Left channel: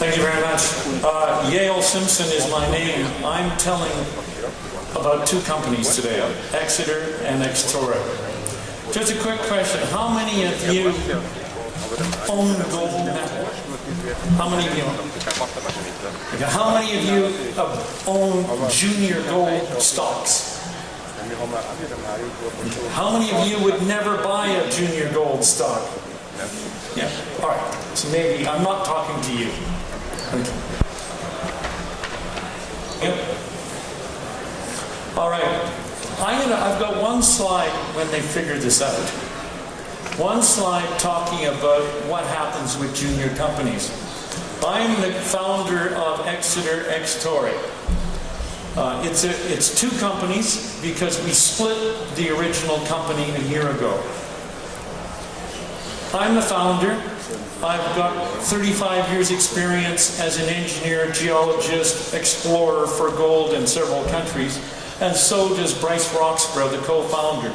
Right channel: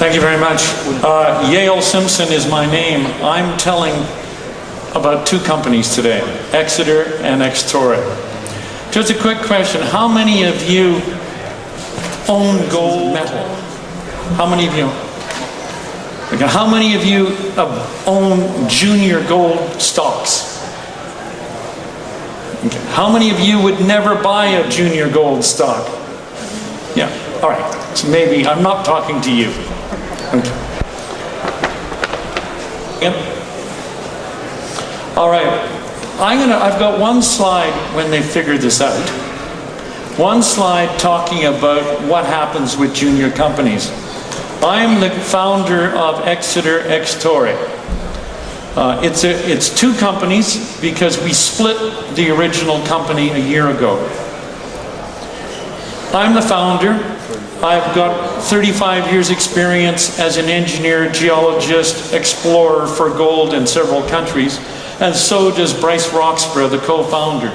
Thank you very much. Yale Simpson is my name. I'm telling about two companies today, Extorre and Extorre. Just a quick question. How many of you own gold metal? How many of you? Okay. How many of you own junior gold stocks? Okay. How many of you would never buy a junior gold stock? Yeah, all right. So maybe I'm not talking to you. Okay. Yep. All right. I've got one slide when they figure this out. One slide talking about what happens with junior companies. I'm the founder of Extorre. It's two companies because we split the original company a year ago. I'm the founder. I've got 35 years experience as an engineer, geologist, explorer for gold in several countries, and so does Bryce Roxburgh, the co-founder.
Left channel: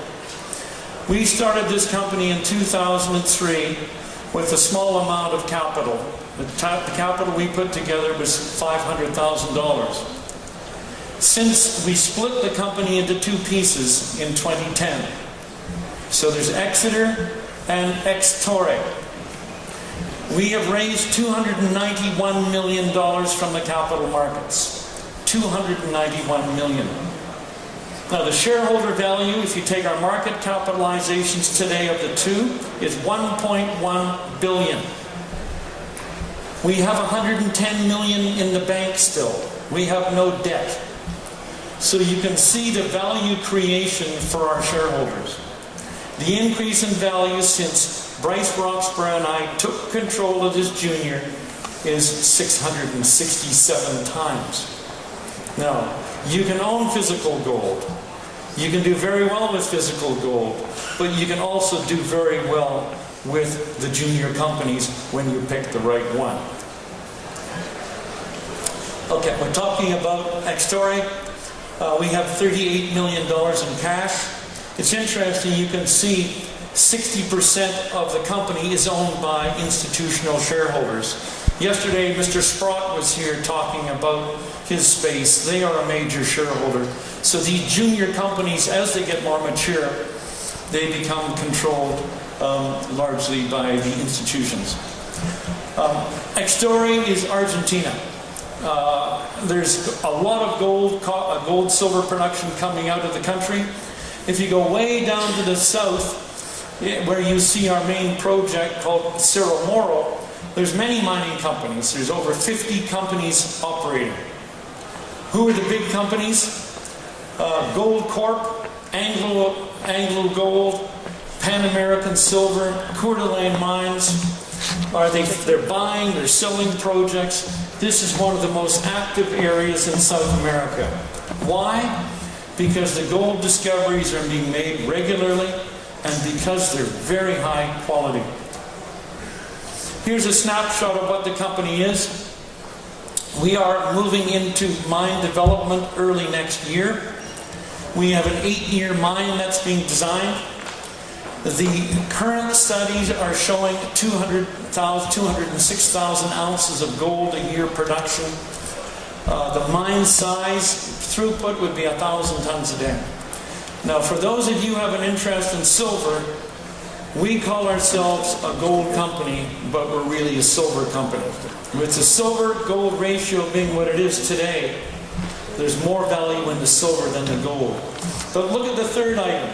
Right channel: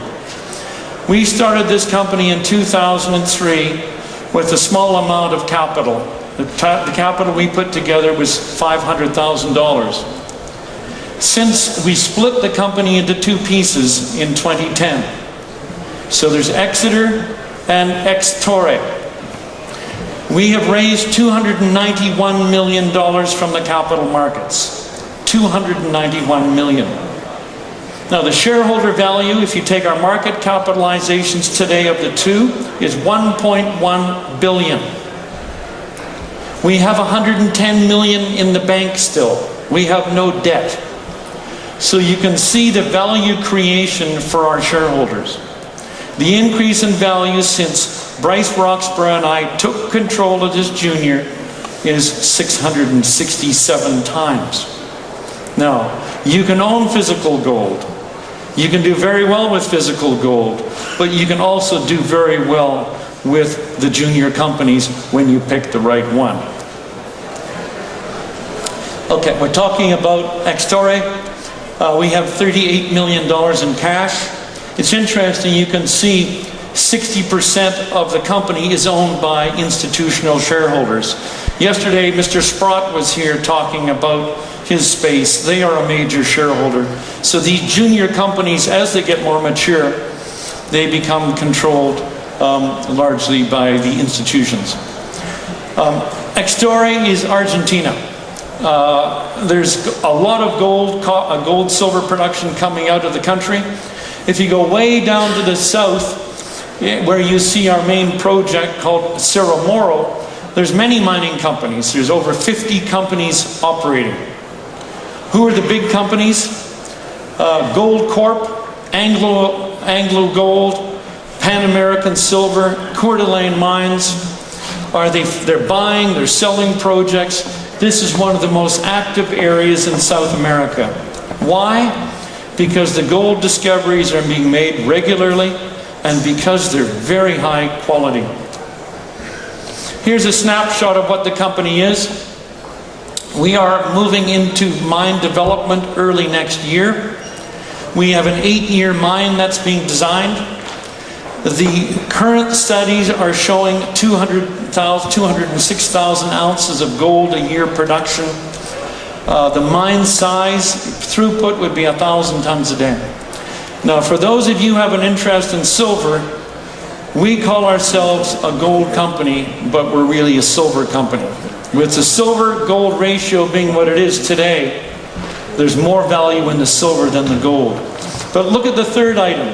We started this company in 2003 with a small amount of capital. The capital we put together was $500,000. Since we split the company into two pieces in 2010. So there's Extorre and Extorre. We have raised $291 million from the capital markets. $291 million. Now the shareholder value, if you take our market capitalizations today of the two, is $1.1 billion. We have $110 million in the bank still. We have no debt. So you can see the value creation for our shareholders. The increase in value since Bryce Roxburgh and I took control of this junior is 667 times. Now, you can own physical gold. You can do very well with physical gold, but you can also do very well with the junior companies when you pick the right one. Okay, we're talking about Extorre. We have $38 million in cash. It's interesting, you can see 60% of the company is owned by institutional shareholders. Yesterday, Mr. Sprott was here talking about his space. They are a major shareholder. So these junior companies, as they get more mature, they become controlled largely by the institutions. Extorre is Argentina. There's a lot of gold silver production coming out of the country. If you go way down to the south, where you see our main project called Cerro Moro, there's many mining companies. There's over 50 companies operating. Who are the big companies? Gold Corp, Anglo Gold, Pan American Silver, Coeur d'Alene Mines. They're buying, they're selling projects. This is one of the most active areas in South America. Why? Because the gold discoveries are being made regularly and because they're very high quality. Here's a snapshot of what the company is. We are moving into mine development early next year. We have an 8-year mine that's being designed. The current studies are showing 206,000 ounces of gold a year production. The mine size, throughput would be 1,000 tons a day. Now, for those of you who have an interest in silver, we call ourselves a gold company, but we're really a silver company. With the silver-gold ratio being what it is today, there's more value in the silver than the gold. But look at the third item.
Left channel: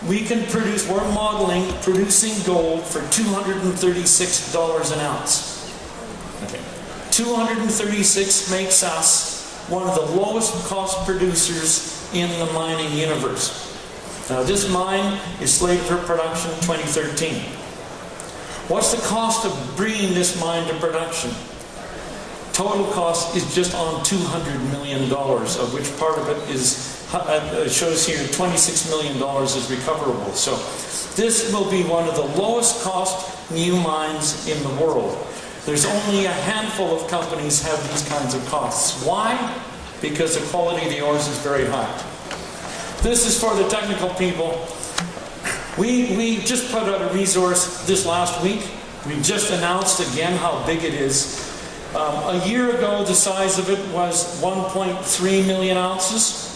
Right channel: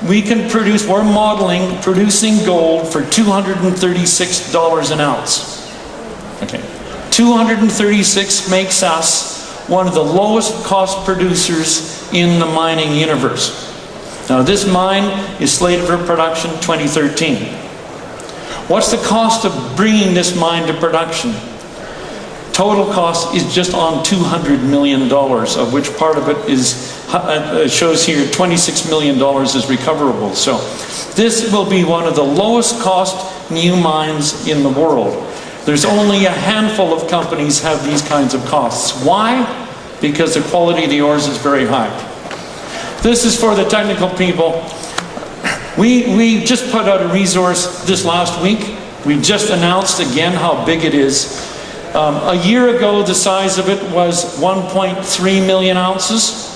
We're modeling producing gold for $236 an ounce. Okay. 236 makes us one of the lowest cost producers in the mining universe. Now this mine is slated for production 2013. What's the cost of bringing this mine to production? Total cost is just on $200 million, of which part of it is, shows here $26 million is recoverable. So this will be one of the lowest cost new mines in the world. There's only a handful of companies have these kinds of costs. Why? Because the quality of the ores is very high. This is for the technical people. We just put out a resource this last week. We just announced again how big it is. A year ago, the size of it was 1.3 million ounces.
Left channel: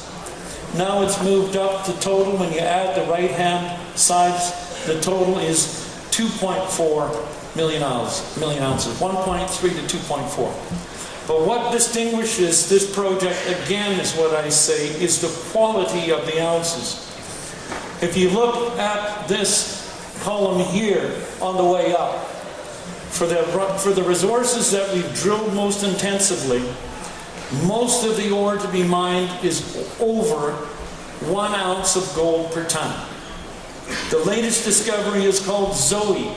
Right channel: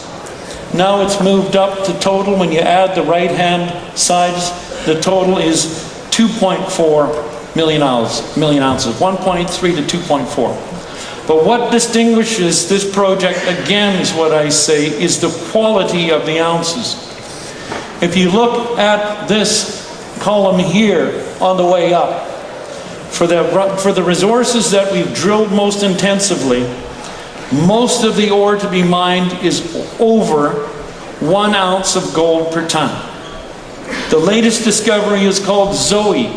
Now it's moved up to total, when you add the right-hand sides, the total is 2.4 million ounces, 1.3 to 2.4. But what distinguishes this project, again, is what I say, is the quality of the ounces. If you look at this column here on the way up, for the resources that we've drilled most intensively, most of the ore to be mined is over 1 ounce of gold per ton. The latest discovery is called Zoe.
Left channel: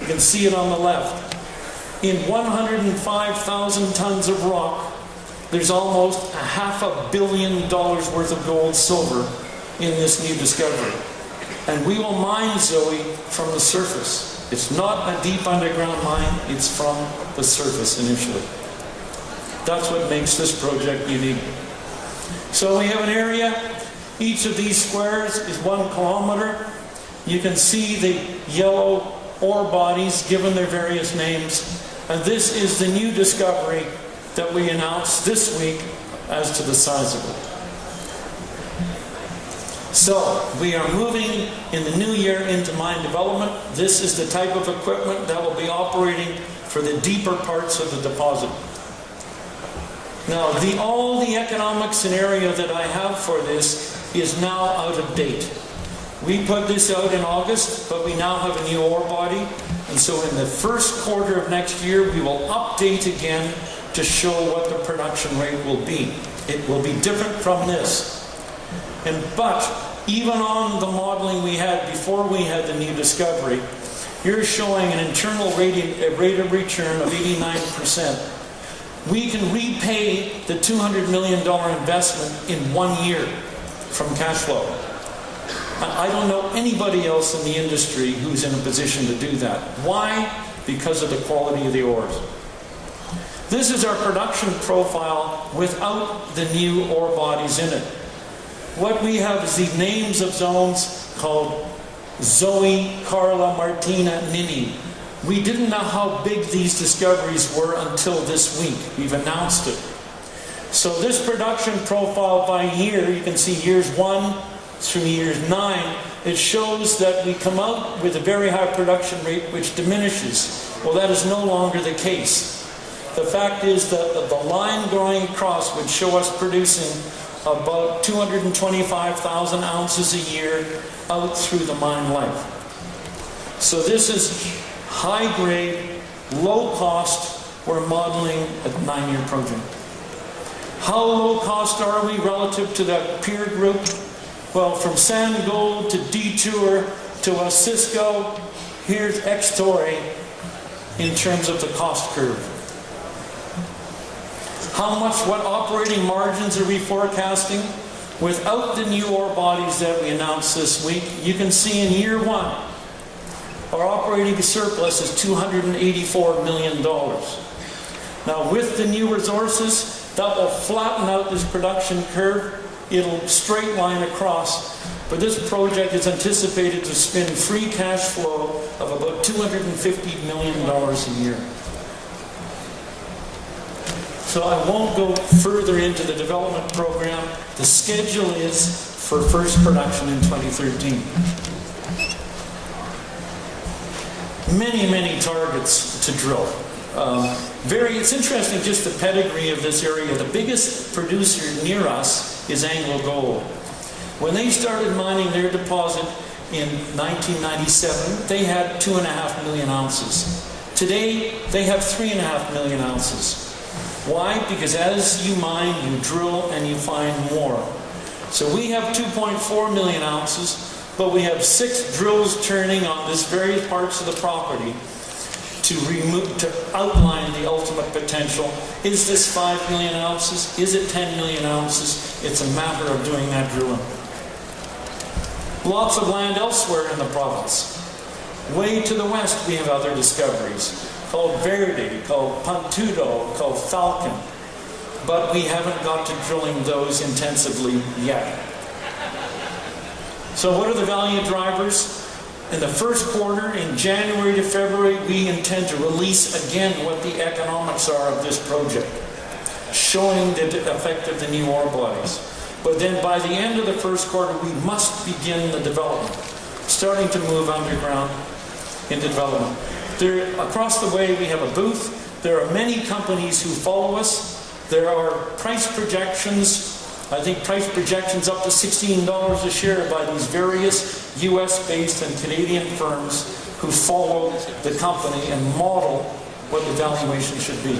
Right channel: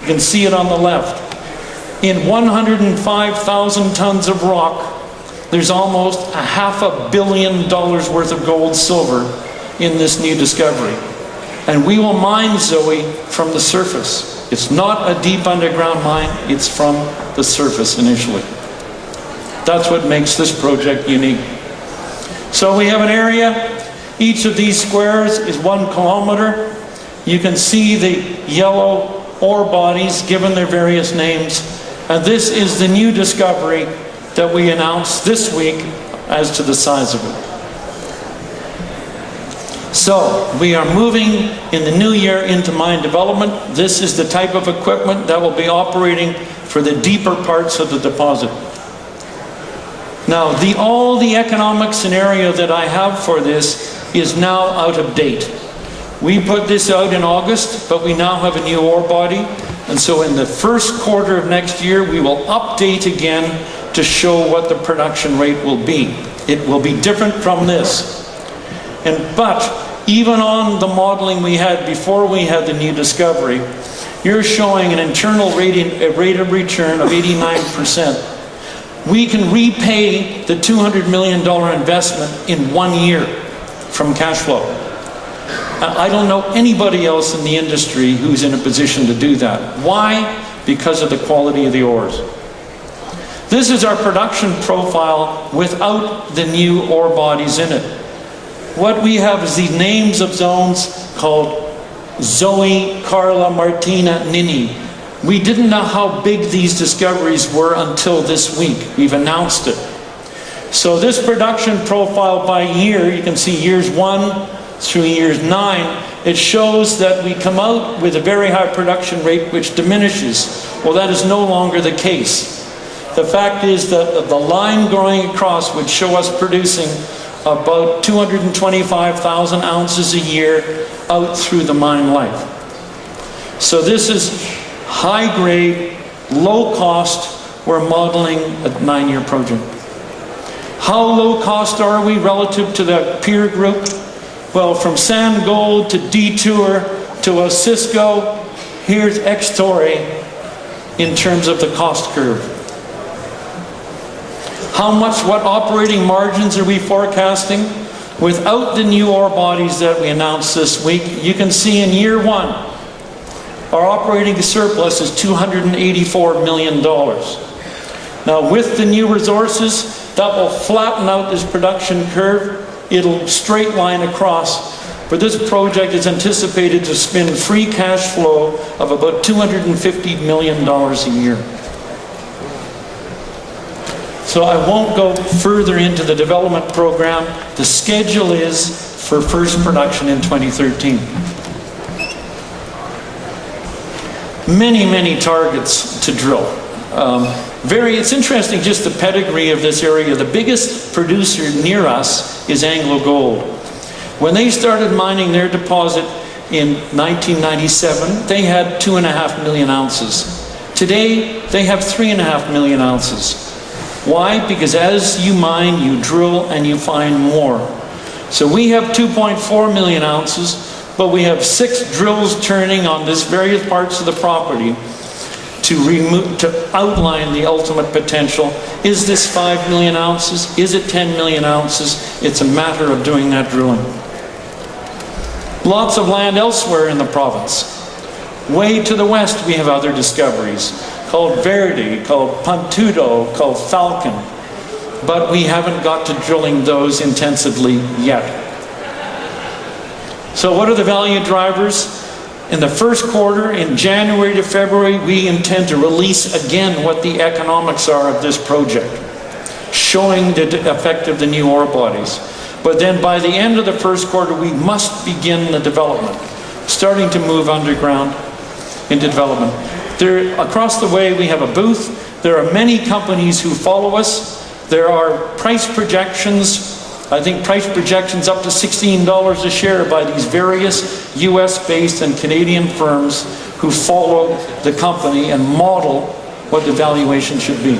You can see it on the left. In 105,000 tons of rock, there's almost $500 million worth of gold, silver in this new discovery. And we will mine Zoe from the surface. It's not a deep underground mine, it's from the surface initially. That's what makes this project unique. So we have an area, each of these squares is 1 kilometer. You can see the yellow ore bodies given their various names. And this is the new discovery that we announced this week as to the size of it. So, we are moving in the new year into mine development. This is the type of equipment that will be operating for the deeper parts of the deposit. Now, all the economic scenario that I have for this is now out of date. We put this out in August, but we now have a new ore body. And so in the first quarter of next year, we will update again to show what the production rate will be. It will be different from this. But even on the modeling we had before we had the new discovery, you're showing an internal rate of return of 89%. We can repay the $200 million investment in 1 year from cash flow. I don't know anybody else in the industry who's in a position to do that. Why? Because of the quality of the ores. This is our production profile without the new ore bodies in it. What we have is the names of zones called Zoe, Carla, Martina, Nini. We didn't know how big these discoveries were until this week. We've announced it. So this production profile by year, you can see years 1 through years 9, it shows that we come out with a very high production rate which diminishes. Well, that is no longer the case. The fact is that the line going across would show us producing about 225,000 ounces a year out through the mine life. So this is high grade, low cost. We're modeling a 9-year project. How low cost are we relative to the peer group? Well, from Sand Gold to Detour to Osisko, here's Extorre in terms of the cost curve. What operating margins are we forecasting? Without the new ore bodies that we announced this week, you can see in year 1, our operating surplus is $284 million. Now, with the new resources, that will flatten out this production curve. It'll straight line across. But this project is anticipated to spin free cash flow of about $250 million a year. So I won't go further into the development program. The schedule is for first production in 2013. Many, many targets to drill. It's interesting just the pedigree of this area. The biggest producer near us is AngloGold. When they started mining their deposit in 1997, they had 2.5 million ounces. Today, they have 3.5 million ounces. Why? Because as you mine, you drill, and you find more. So we have 2.4 million ounces, but we have 6 drills turning on this various parts of the property to outline the ultimate potential. Is this 5 million ounces? Is it 10 million ounces? It's a matter of doing that drilling. Lots of land elsewhere in the province. Way to the west we have other discoveries called Verdi, called Pantudo, called Falcon. But we haven't got to drilling those intensively yet. So what are the value drivers? In the first quarter, in January to February, we intend to release again what the economics are of this project, showing the effect of the new ore bodies. But then by the end of the first quarter, we must begin the development, starting to move underground into development. There, across the way, we have a booth. There are many companies who follow us. There are price projections, I think price projections up to $16 a share by these various US-based and Canadian firms who follow the company and model what the valuation should be.